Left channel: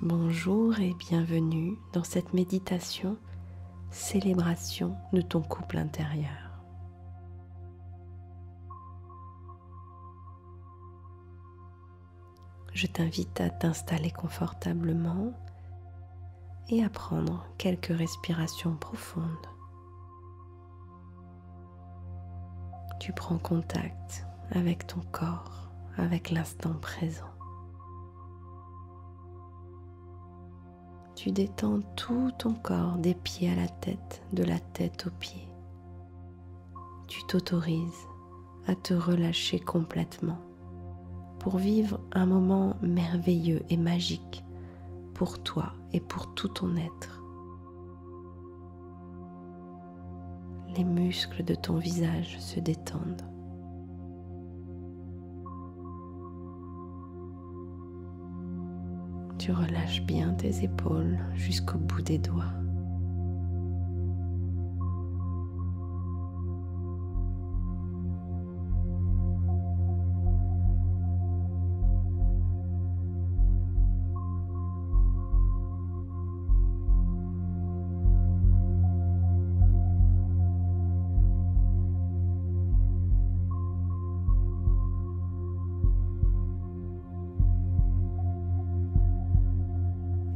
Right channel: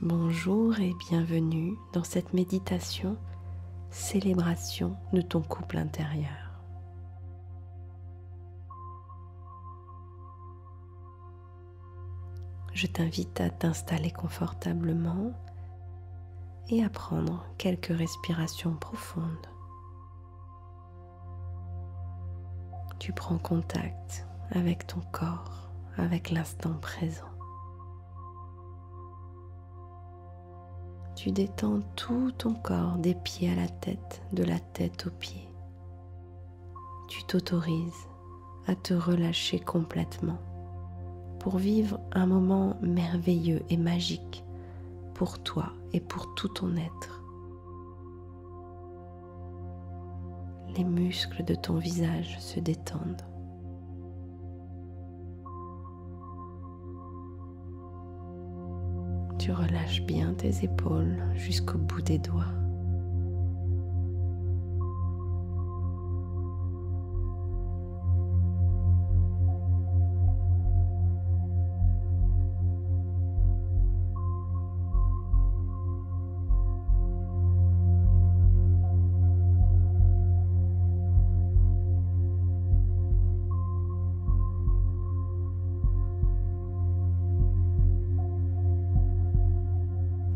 Bonjour et bienvenue dans cette méditation célébration de ton couple intérieur. Je t'invite à t'installer confortablement et à prendre quelques respirations profondes. Tu prends contact avec ton corps, avec l'instant présent. Tu détends tout ton corps des pieds à la tête, de la tête aux pieds. Tu t'autorises à te relâcher complètement pour vivre un moment merveilleux et magique pour toi et pour tout ton être. Les muscles de ton visage se détendent. Tu relâches bien tes épaules jusqu'au bout des doigts.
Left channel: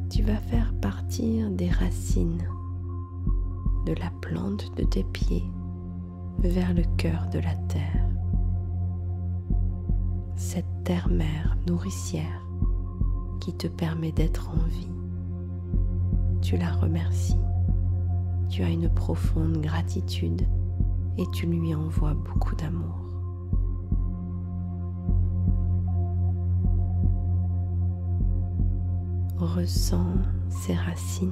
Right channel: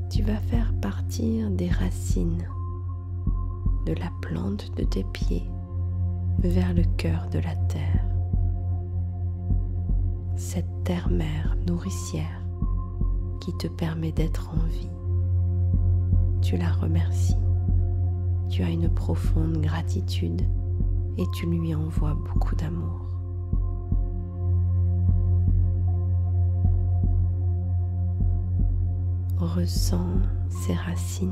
Tu vas faire partir des racines de la plante de tes pieds vers le cœur de la terre. Cette terre-mère nourricière qui te permet d'être en vie. Tu la remercies. Tu as une profonde gratitude et tu lui envoies beaucoup d'amour. Ressens ses racines.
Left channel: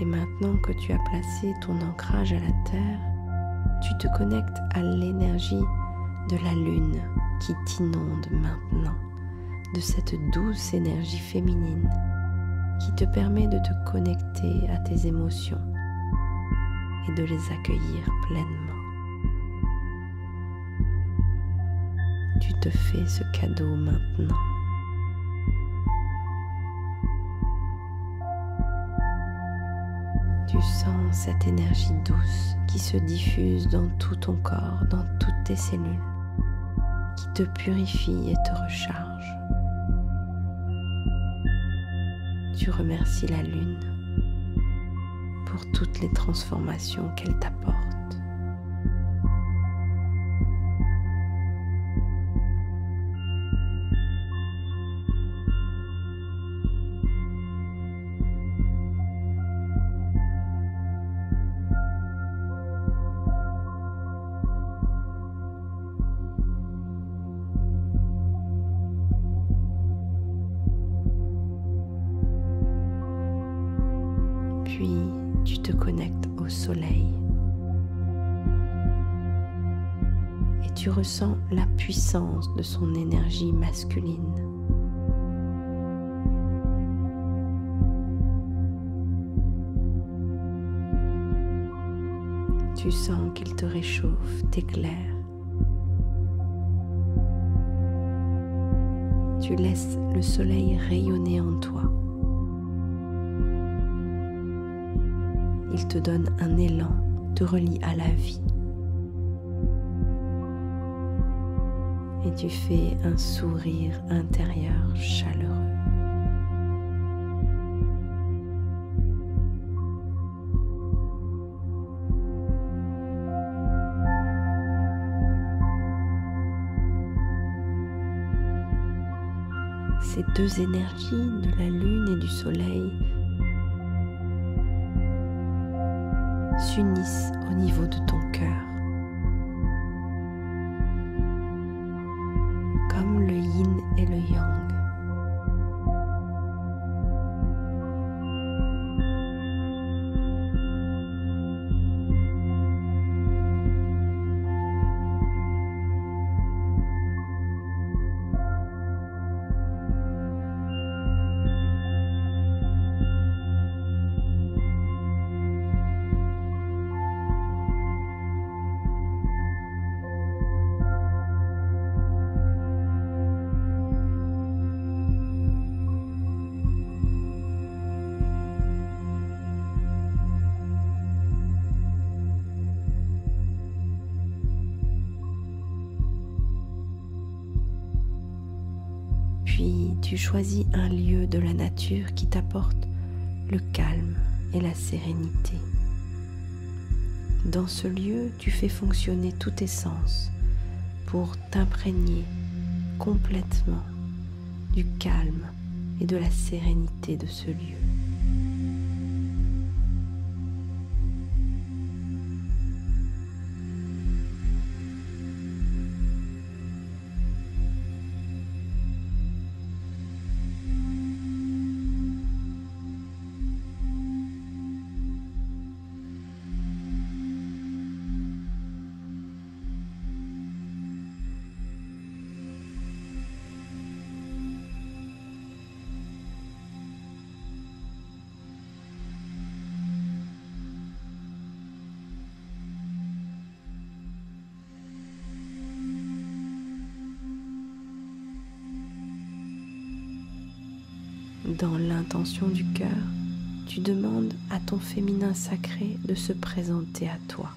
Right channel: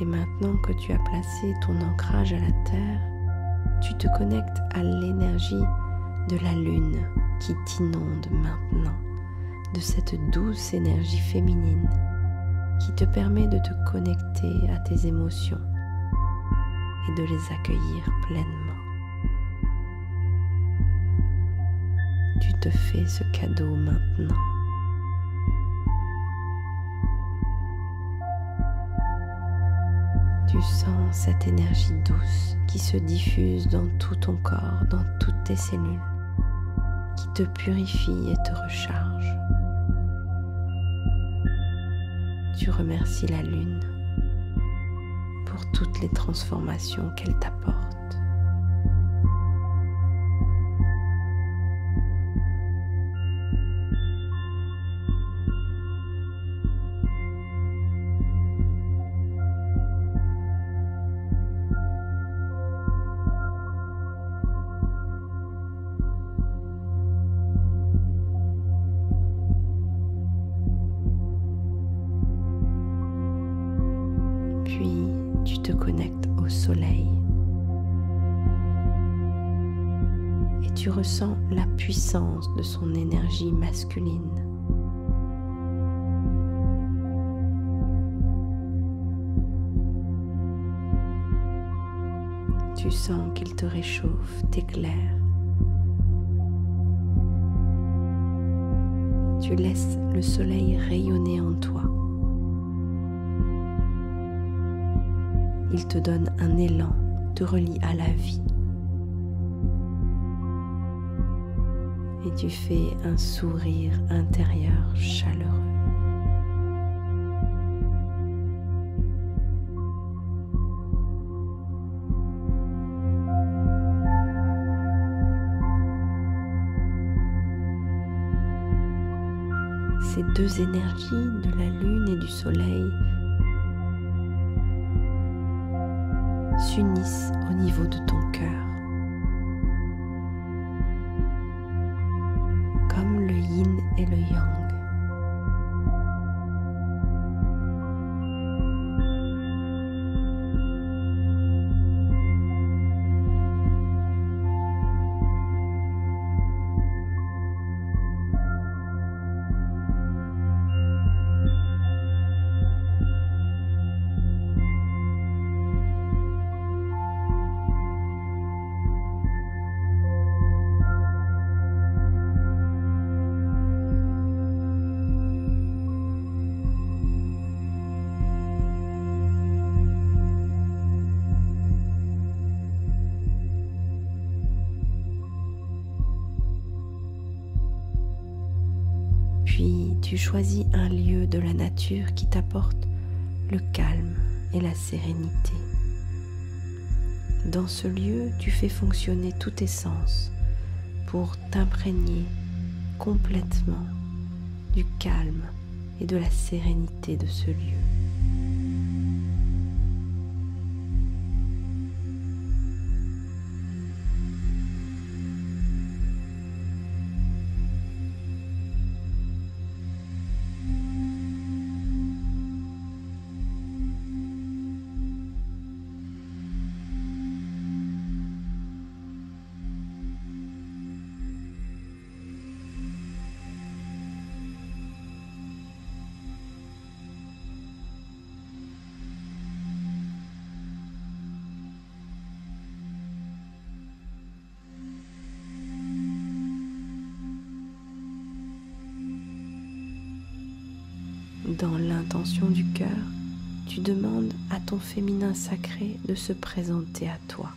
Et maintenant que tu as placé ton ancrage à la terre, tu te connectes à l'énergie de la lune qui t'inonde maintenant, de cette douce énergie féminine qui te permet de te connecter à tes émotions et de les accueillir pleinement. Tu te fais ce cadeau maintenant. Tu sens cette énergie douce qui se diffuse dans tout ton corps, dans toutes tes cellules, qui te purifie et te recharge. Tu remercies la lune pour toutes les transformations qu'elle t'apporte. Puis tu te connectes au soleil et tu ressens la puissance de son énergie masculine. Tu sens qu'il te réchauffe, t'éclaire. Tu laisses le soleil rayonner en toi. Il te donne un élan, te relie à la vie. Et tu fais un sourire intérieur chaleureux. Ces deux énergies de la lune et du soleil s'unissent au niveau de ton cœur, comme le yin et le yang. Puis tu choisis un lieu de la nature qui t'apporte le calme et la sérénité. Dans ce lieu, tu fais fonctionner tous tes sens pour t'imprégner complètement du calme et de la sérénité de ce lieu. Dans l'intention du cœur, tu demandes à ton féminin sacré de se présenter à toi.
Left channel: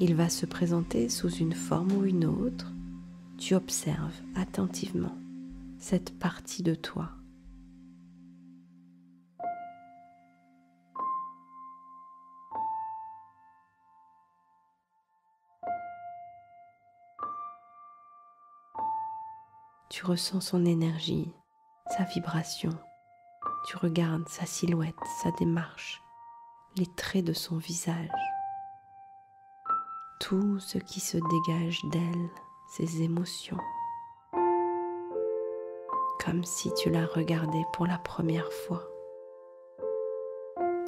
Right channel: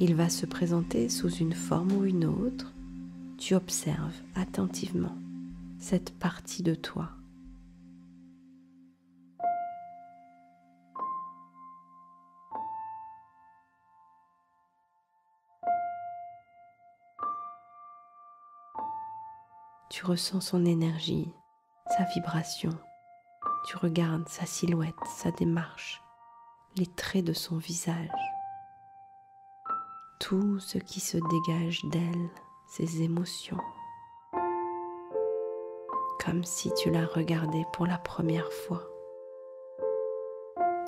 Il va se présenter sous une forme ou une autre. Tu observes attentivement cette partie de toi. Tu ressens son énergie, sa vibration. Tu regardes sa silhouette, sa démarche, les traits de son visage. Tout ce qui se dégage d'elle, ses émotions. Comme si tu la regardais pour la première fois.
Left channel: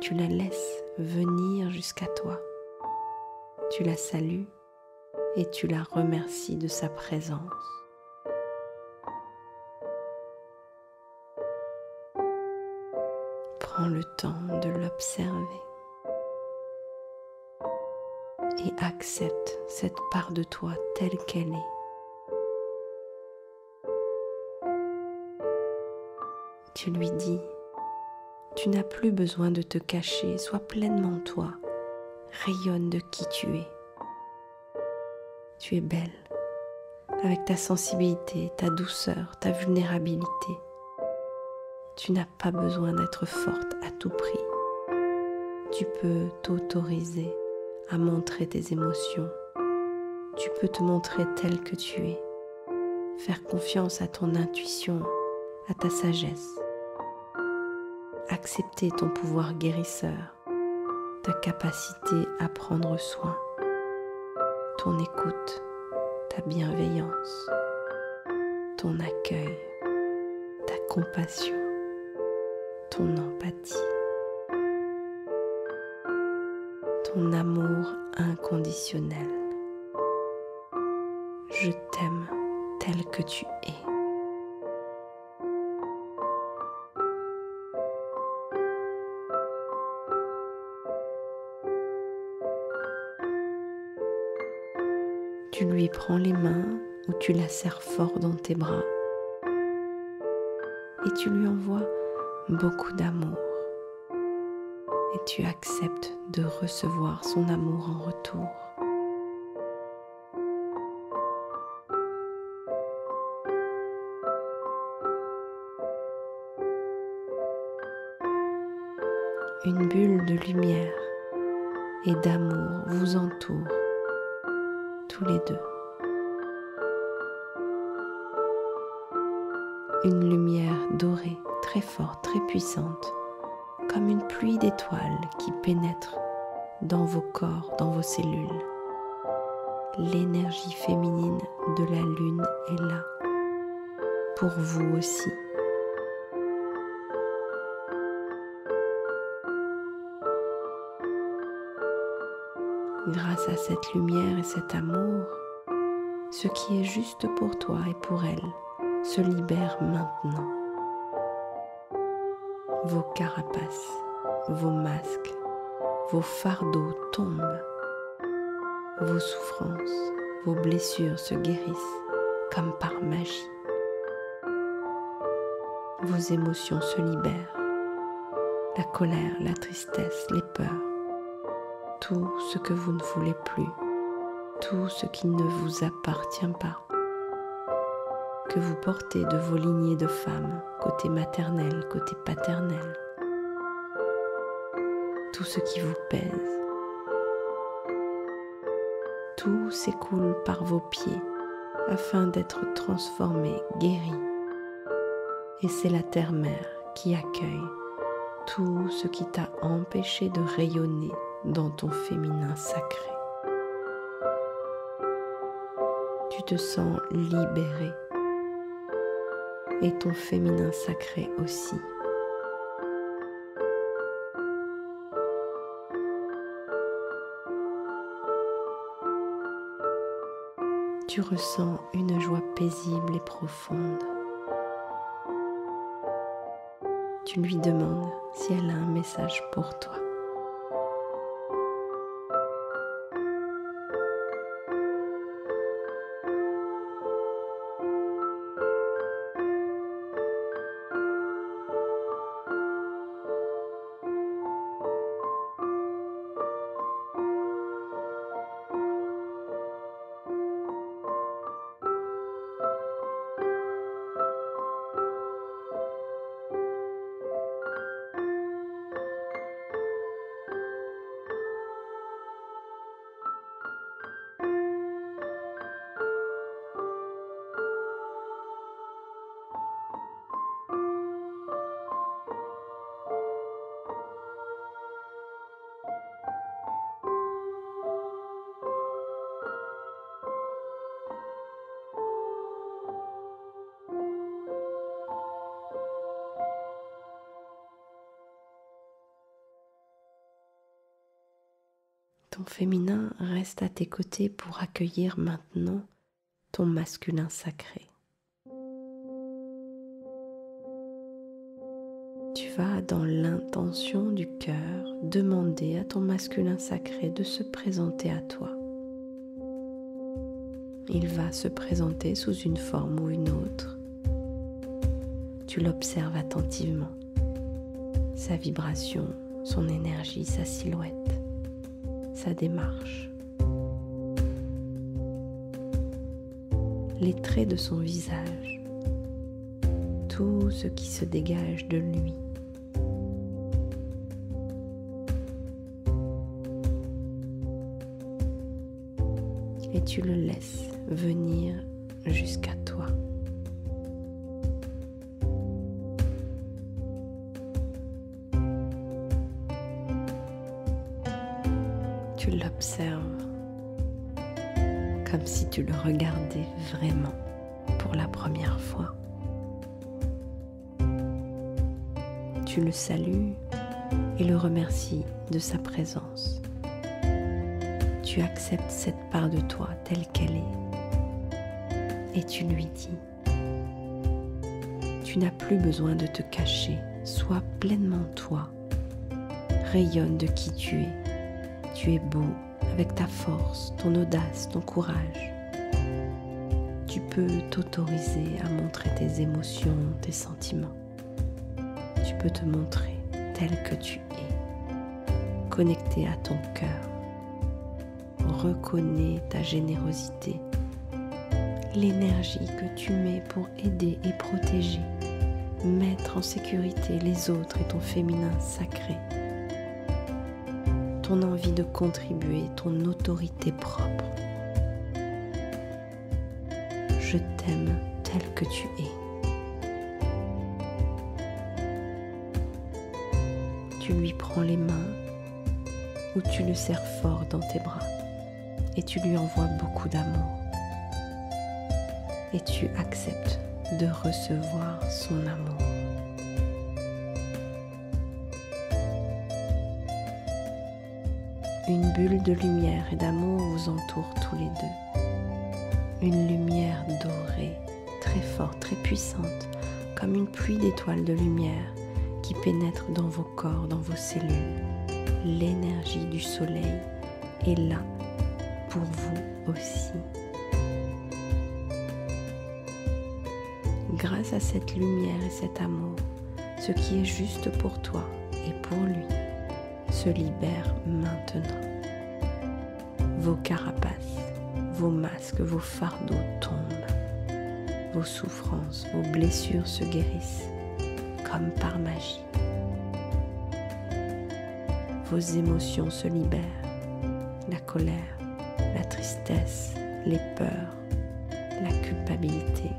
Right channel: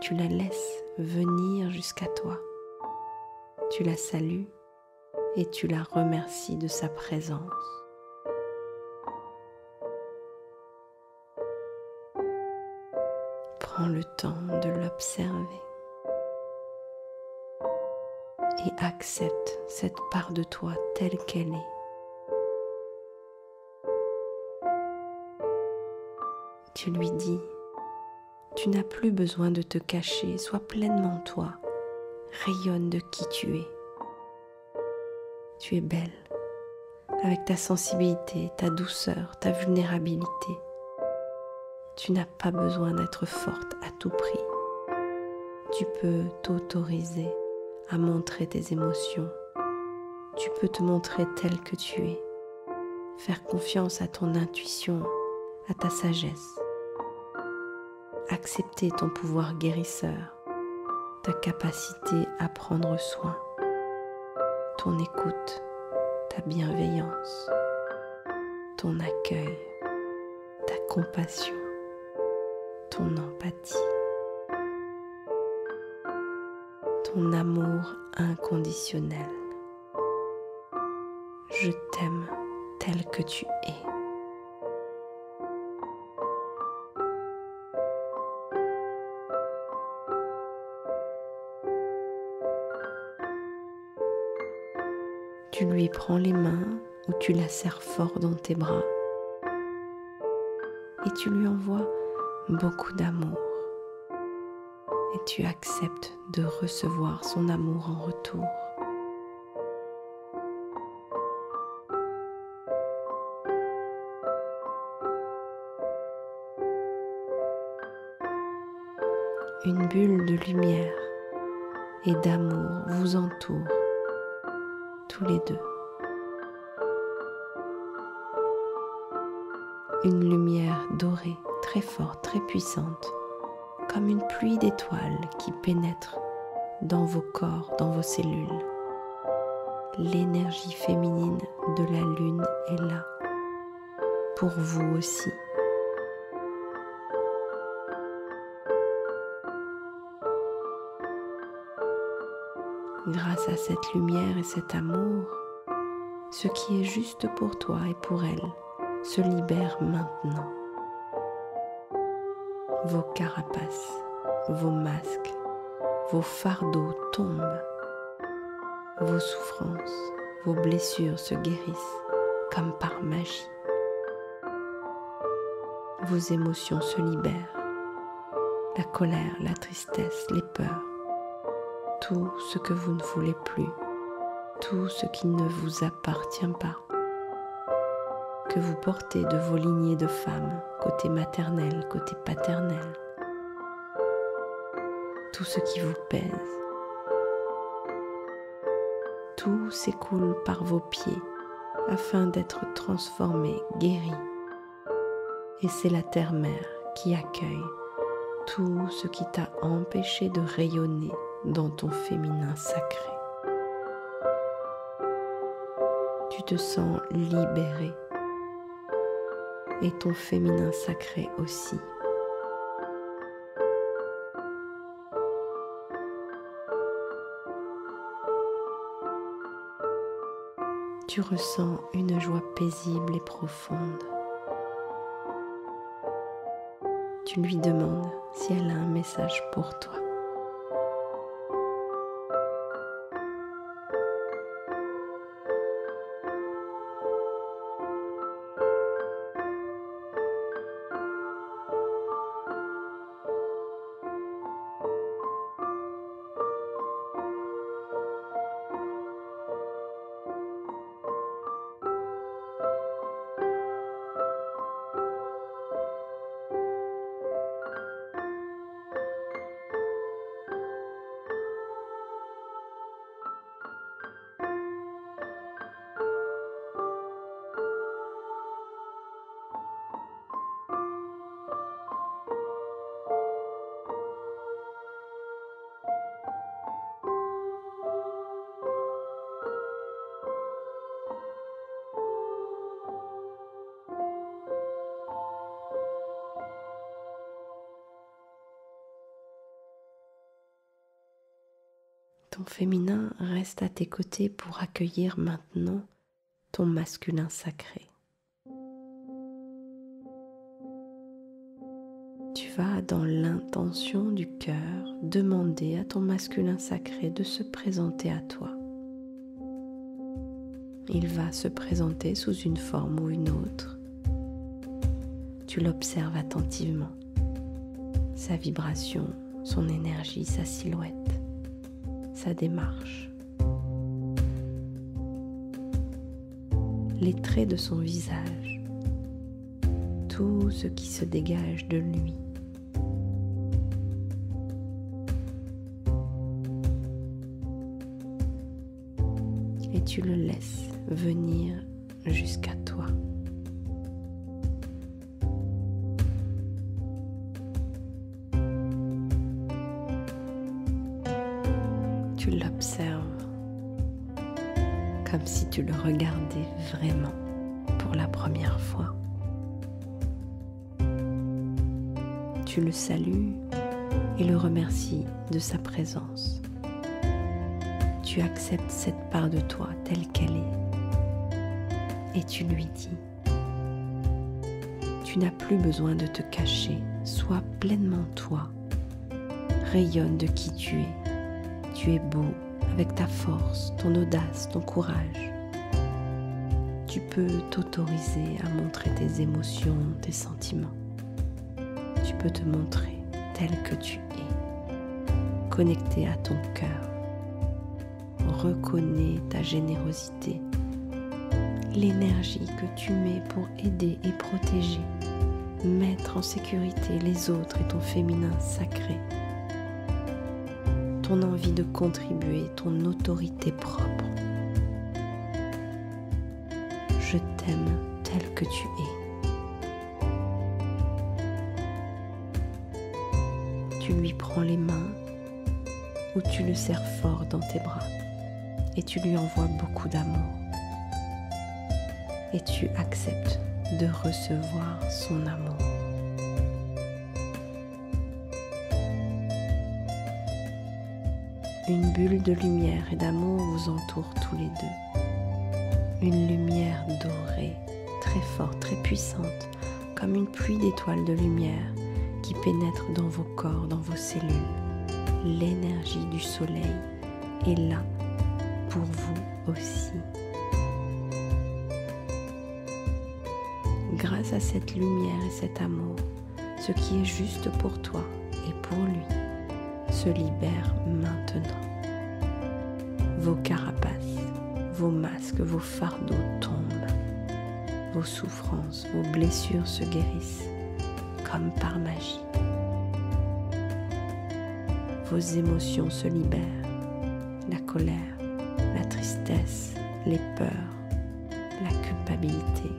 Tu la laisses venir jusqu'à toi. Tu la salues et tu la remercies de sa présence. Prends le temps de l'observer et accepte cette part de toi telle qu'elle est. Tu lui dis, tu n'as plus besoin de te cacher, sois pleinement toi, rayonne de qui tu es. Tu es belle, avec ta sensibilité, ta douceur, ta vulnérabilité. Tu n'as pas besoin d'être forte à tout prix. Tu peux t'autoriser à montrer tes émotions. Tu peux te montrer telle que tu es. Faire confiance à ton intuition, à ta sagesse. Accepter ton pouvoir guérisseur, ta capacité à prendre soin, ton écoute, ta bienveillance, ton accueil, ta compassion, ton empathie, ton amour inconditionnel. Je t'aime tel que tu es. Tu lui prends les mains ou tu la serres fort dans tes bras et tu lui envoies beaucoup d'amour et tu acceptes de recevoir son amour en retour. Une bulle de lumière et d'amour vous entoure tous les deux. Une lumière dorée, très forte, très puissante, comme une pluie d'étoiles qui pénètre dans vos corps, dans vos cellules. L'énergie féminine de la lune est là, pour vous aussi. Grâce à cette lumière et cet amour, ce qui est juste pour toi et pour elle se libère maintenant. Vos carapaces, vos masques, vos fardeaux tombent. Vos souffrances, vos blessures se guérissent comme par magie. Vos émotions se libèrent. La colère, la tristesse, les peurs. Tout ce que vous ne voulez plus, tout ce qui ne vous appartient pas, que vous portez de vos lignées de femmes, côté maternel, côté paternel. Tout ce qui vous pèse. Tout s'écoule par vos pieds afin d'être transformé, guéri. Et c'est la terre-mère qui accueille tout ce qui t'a empêché de rayonner dans ton féminin sacré. Tu te sens libéré et ton féminin sacré aussi. Tu ressens une joie paisible et profonde. Tu lui demandes si elle a un message pour toi. Ton féminin reste à tes côtés pour accueillir maintenant ton masculin sacré. Tu vas dans l'intention du cœur demander à ton masculin sacré de se présenter à toi. Il va se présenter sous une forme ou une autre. Tu l'observes attentivement, sa vibration, son énergie, sa silhouette, sa démarche, les traits de son visage, tout ce qui se dégage de lui. Et tu le laisses venir jusqu'à toi. Tu l'observes comme si tu le regardais vraiment pour la première fois. Tu le salues et le remercies de sa présence. Tu acceptes cette part de toi telle qu'elle est et tu lui dis: tu n'as plus besoin de te cacher, sois pleinement toi, rayonne de qui tu es. Tu es beau avec ta force, ton audace, ton courage. Tu peux t'autoriser à montrer tes émotions, tes sentiments. Tu peux te montrer tel que tu es, connecté à ton cœur. Reconnais ta générosité, l'énergie que tu mets pour aider et protéger, mettre en sécurité les autres et ton féminin sacré. Ton envie de contribuer, ton autorité propre. Je t'aime tel que tu es. Tu lui prends les mains ou tu le serres fort dans tes bras et tu lui envoies beaucoup d'amour. Et tu acceptes de recevoir son amour. Une bulle de lumière et d'amour vous entoure tous les deux. Une lumière dorée, très forte, très puissante, comme une pluie d'étoiles de lumière qui pénètre dans vos corps, dans vos cellules. L'énergie du soleil est là pour vous aussi. Grâce à cette lumière et cet amour, ce qui est juste pour toi et pour lui se libère maintenant. Vos carapaces, vos masques, vos fardeaux tombent. vos souffrances, vos blessures se guérissent comme par magie. Vos émotions se libèrent, la colère, la tristesse, les peurs, la culpabilité,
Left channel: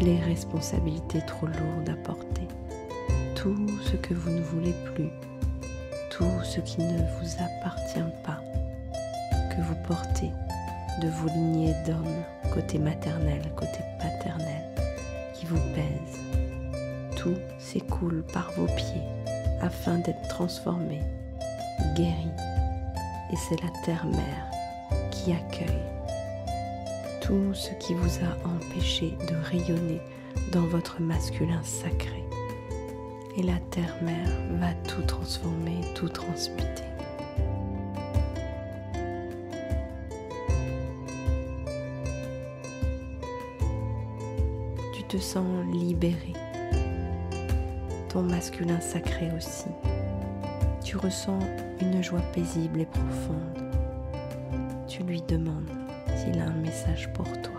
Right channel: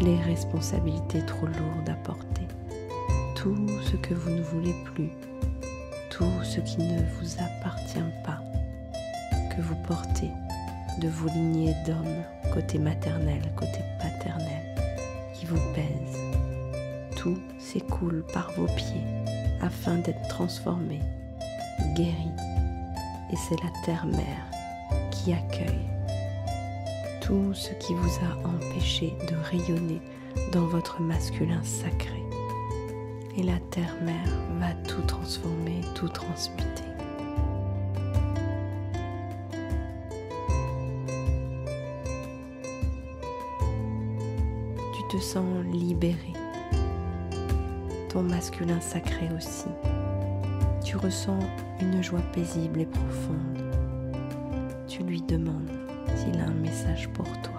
les responsabilités trop lourdes à porter, tout ce que vous ne voulez plus, tout ce qui ne vous appartient pas, que vous portez de vos lignées d'hommes, côté maternel, côté paternel, qui vous pèsent. Tout s'écoule par vos pieds afin d'être transformé, guéri. Et c'est la terre-mère qui accueille tout ce qui vous a empêché de rayonner dans votre masculin sacré. Et la terre-mère va tout transformer, tout transmuter. Tu te sens libéré. Ton masculin sacré aussi. Tu ressens une joie paisible et profonde. Tu lui demandes s'il a un message pour toi.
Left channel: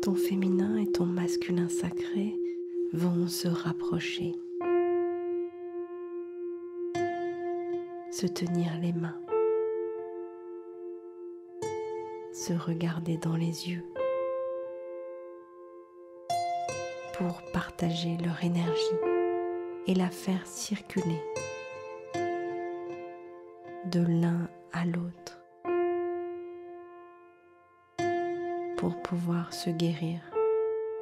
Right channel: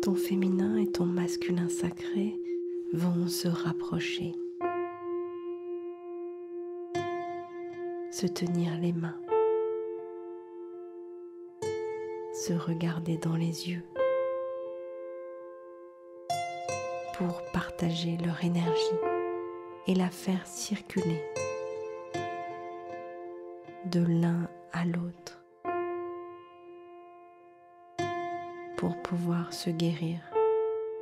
Ton féminin et ton masculin sacré vont se rapprocher, se tenir les mains, se regarder dans les yeux pour partager leur énergie et la faire circuler de l'un à l'autre, pour pouvoir se guérir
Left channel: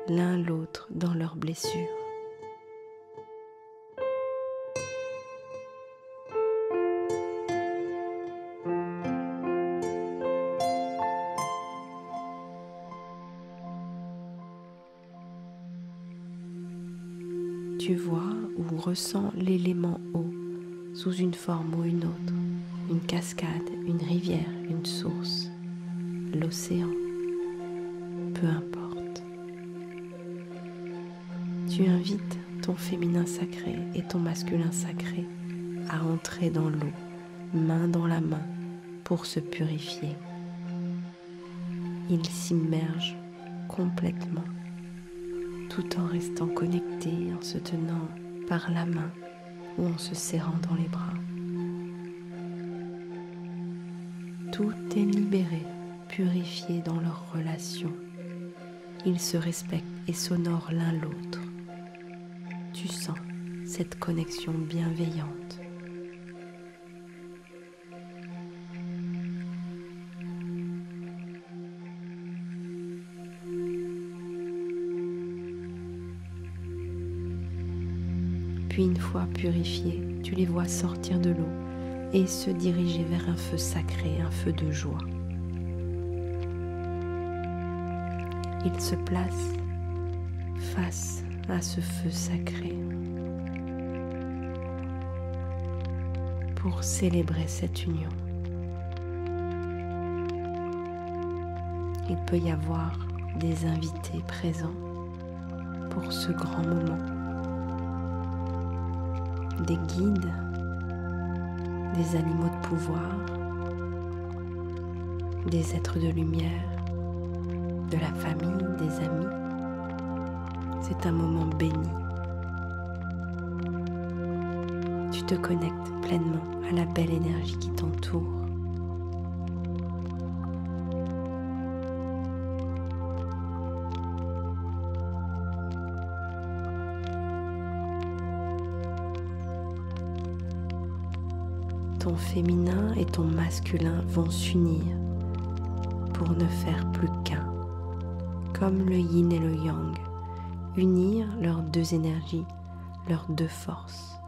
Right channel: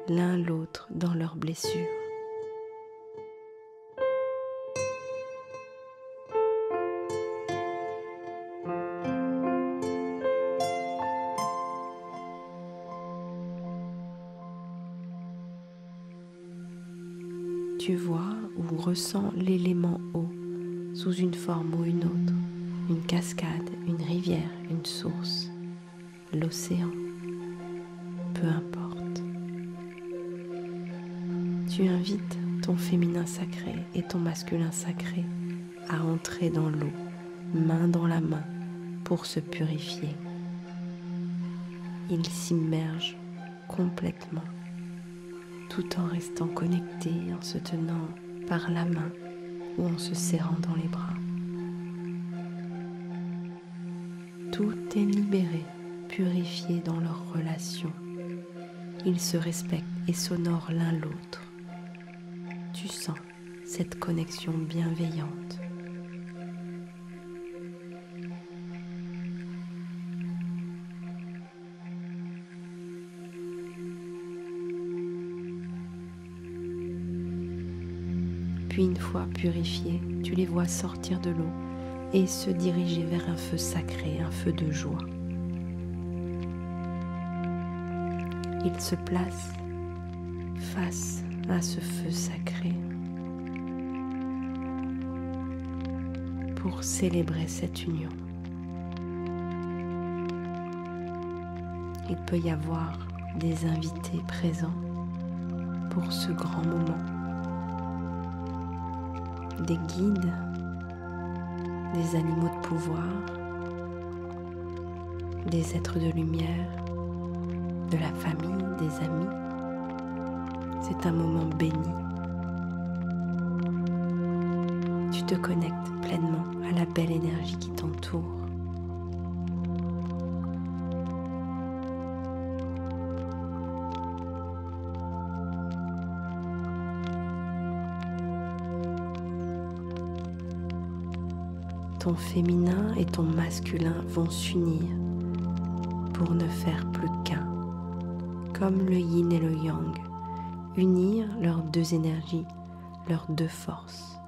l'un l'autre dans leurs blessures. Tu vois ou ressens l'élément eau sous une forme ou une autre, une cascade, une rivière, une source, l'océan. Peu importe. Tu invites ton féminin sacré et ton masculin sacré à entrer dans l'eau, main dans la main, pour se purifier. Ils s'immergent complètement, tout en restant connectés, en se tenant par la main ou en se serrant dans les bras. Tout est libéré, purifié dans leur relation. Ils se respectent et s'honorent l'un l'autre. Tu sens cette connexion bienveillante. Puis une fois purifiés, tu les vois sortir de l'eau et se diriger vers un feu sacré, un feu de joie. Ils se placent face à ce feu sacré pour célébrer cette union. Il peut y avoir des invités présents pour ce grand moment, des guides, des animaux de pouvoir, des êtres de lumière, de la famille, des amis. C'est un moment béni. Tu te connectes pleinement à la belle énergie qui t'entoure. Ton féminin et ton masculin vont s'unir pour ne faire plus qu'un, comme le yin et le yang, unir leurs deux énergies, leurs deux forces.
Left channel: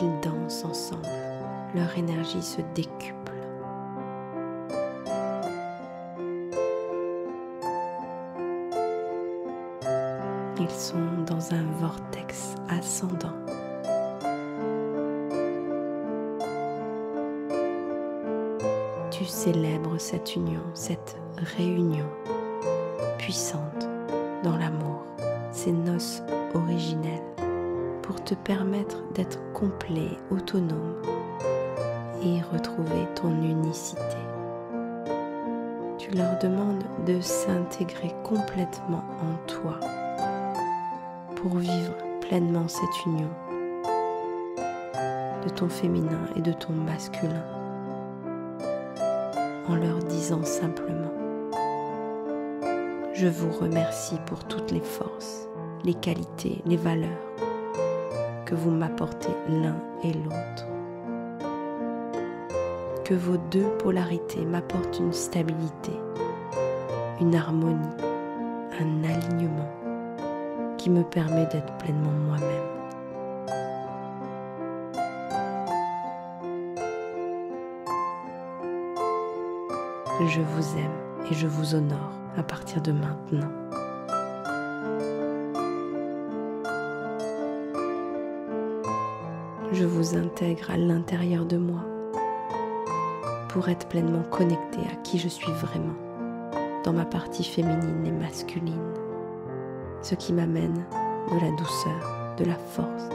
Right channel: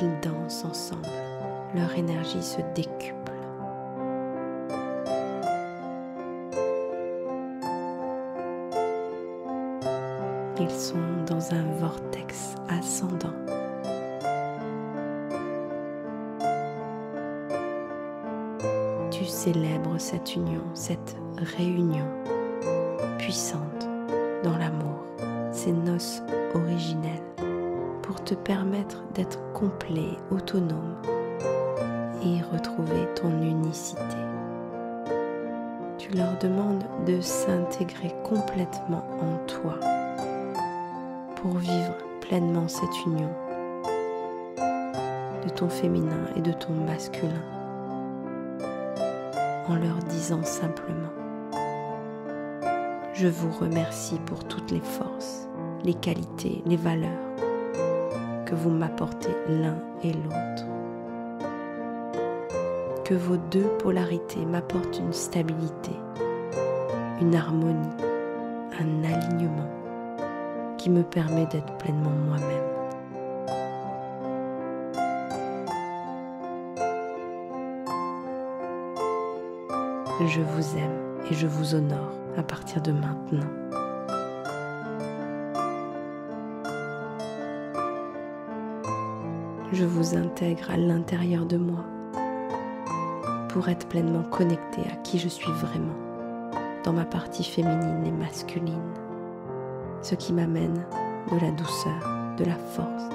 ils dansent ensemble, leur énergie se décuple. Ils sont dans un vortex ascendant. Tu célèbres cette union, cette réunion puissante dans l'amour, ces noces originelles, pour te permettre d'être complet, autonome et retrouver ton unicité. Tu leur demandes de s'intégrer complètement en toi pour vivre pleinement cette union de ton féminin et de ton masculin, en leur disant simplement: je vous remercie pour toutes les forces, les qualités, les valeurs que vous m'apportez l'un et l'autre. Que vos deux polarités m'apportent une stabilité, une harmonie, un alignement qui me permet d'être pleinement moi-même. Je vous aime et je vous honore à partir de maintenant. Je vous intègre à l'intérieur de moi pour être pleinement connecté à qui je suis vraiment, dans ma partie féminine et masculine, ce qui m'amène de la douceur, de la force,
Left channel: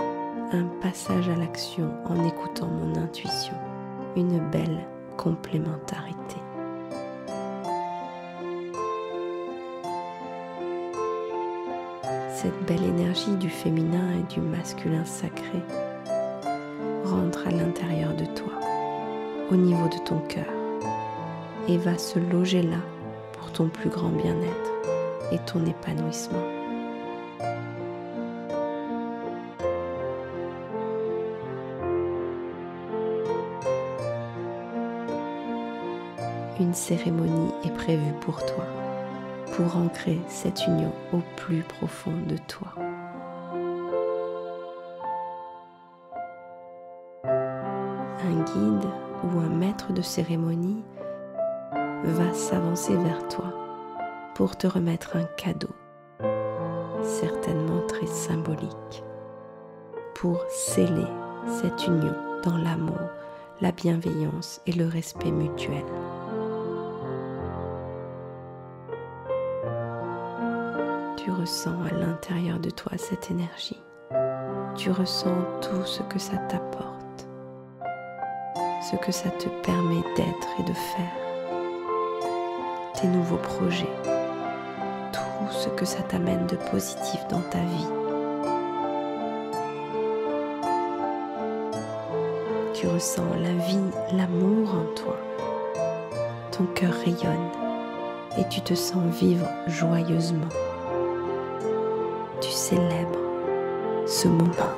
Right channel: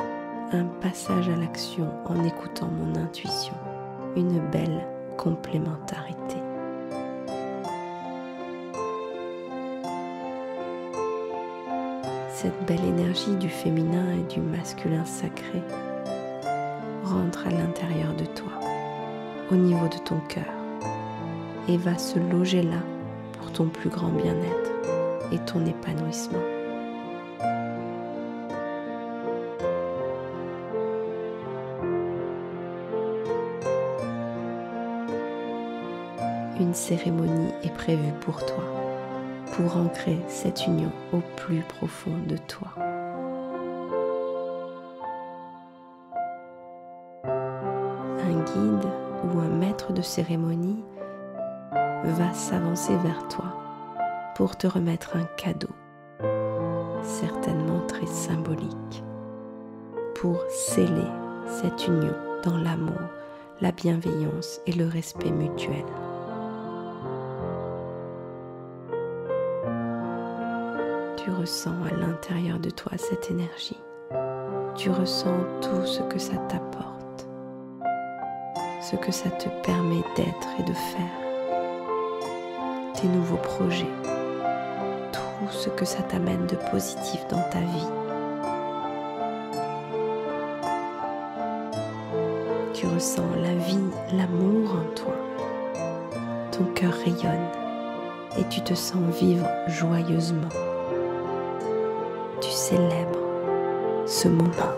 un passage à l'action en écoutant mon intuition, une belle complémentarité. Cette belle énergie du féminin et du masculin sacré rentre à l'intérieur de toi, au niveau de ton cœur, et va se loger là pour ton plus grand bien-être et ton épanouissement. Une cérémonie est prévue pour toi, pour ancrer cette union au plus profond de toi. Un guide ou un maître de cérémonie va s'avancer vers toi pour te remettre un cadeau, certainement très symbolique, pour sceller cette union dans l'amour, la bienveillance et le respect mutuel. Tu ressens à l'intérieur de toi cette énergie. Tu ressens tout ce que ça t'apporte, ce que ça te permet d'être et de faire, tes nouveaux projets, tout ce que ça t'amène de positif dans ta vie. Tu ressens la vie, l'amour en toi. Ton cœur rayonne et tu te sens vivre joyeusement. Tu célèbres ce moment.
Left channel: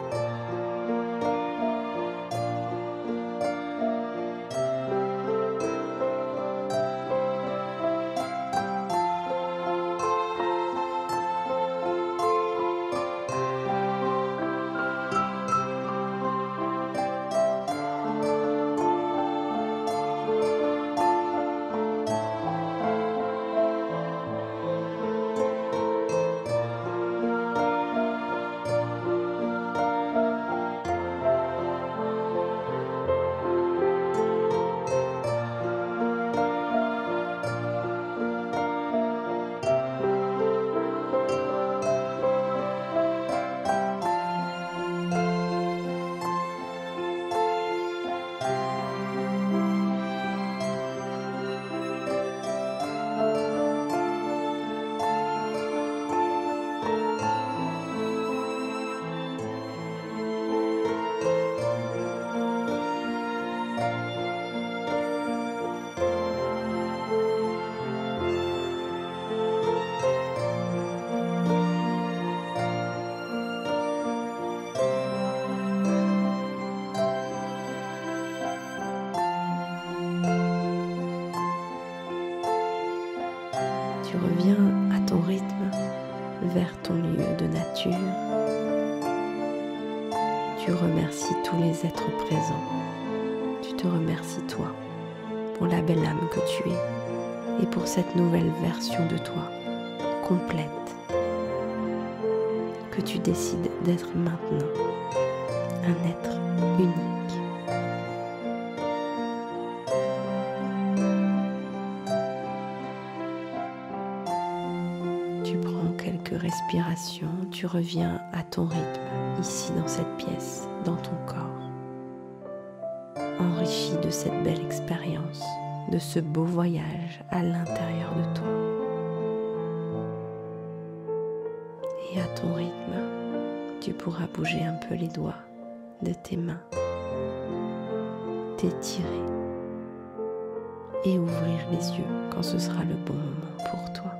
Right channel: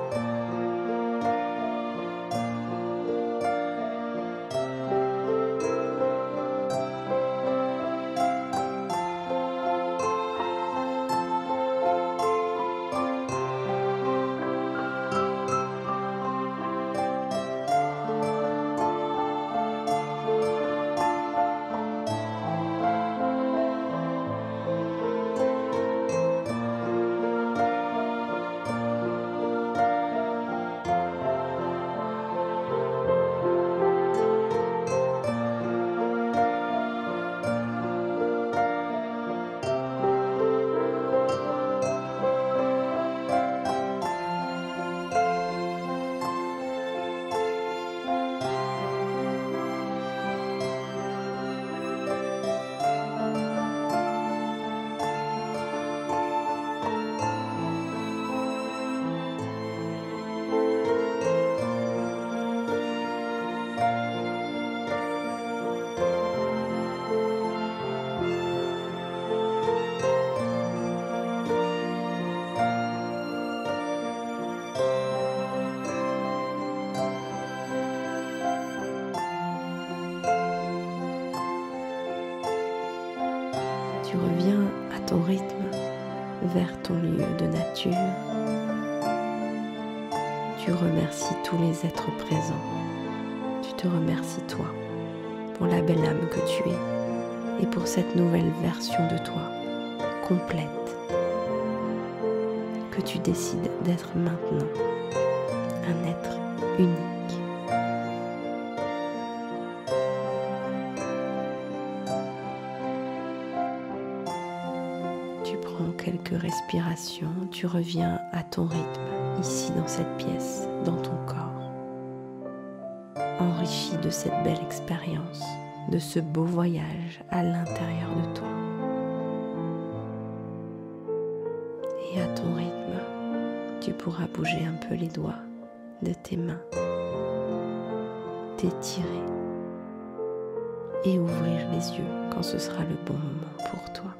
Tu reviens à ton rythme vers ton lieu de nature. Tu remercies tous les êtres présents. Tu te remercies toi pour la belle âme que tu es et pour cette nouvelle version de toi, complète, que tu décides d'être maintenant, un être unique. Tu prends quelques respirations, tu reviens à ton rythme, ici dans cette pièce, dans ton corps, enrichi de cette belle expérience, de ce beau voyage à l'intérieur de toi. Et à ton rythme, tu pourras bouger un peu les doigts de tes mains, t'étirer et ouvrir les yeux quand ce sera le bon moment pour toi.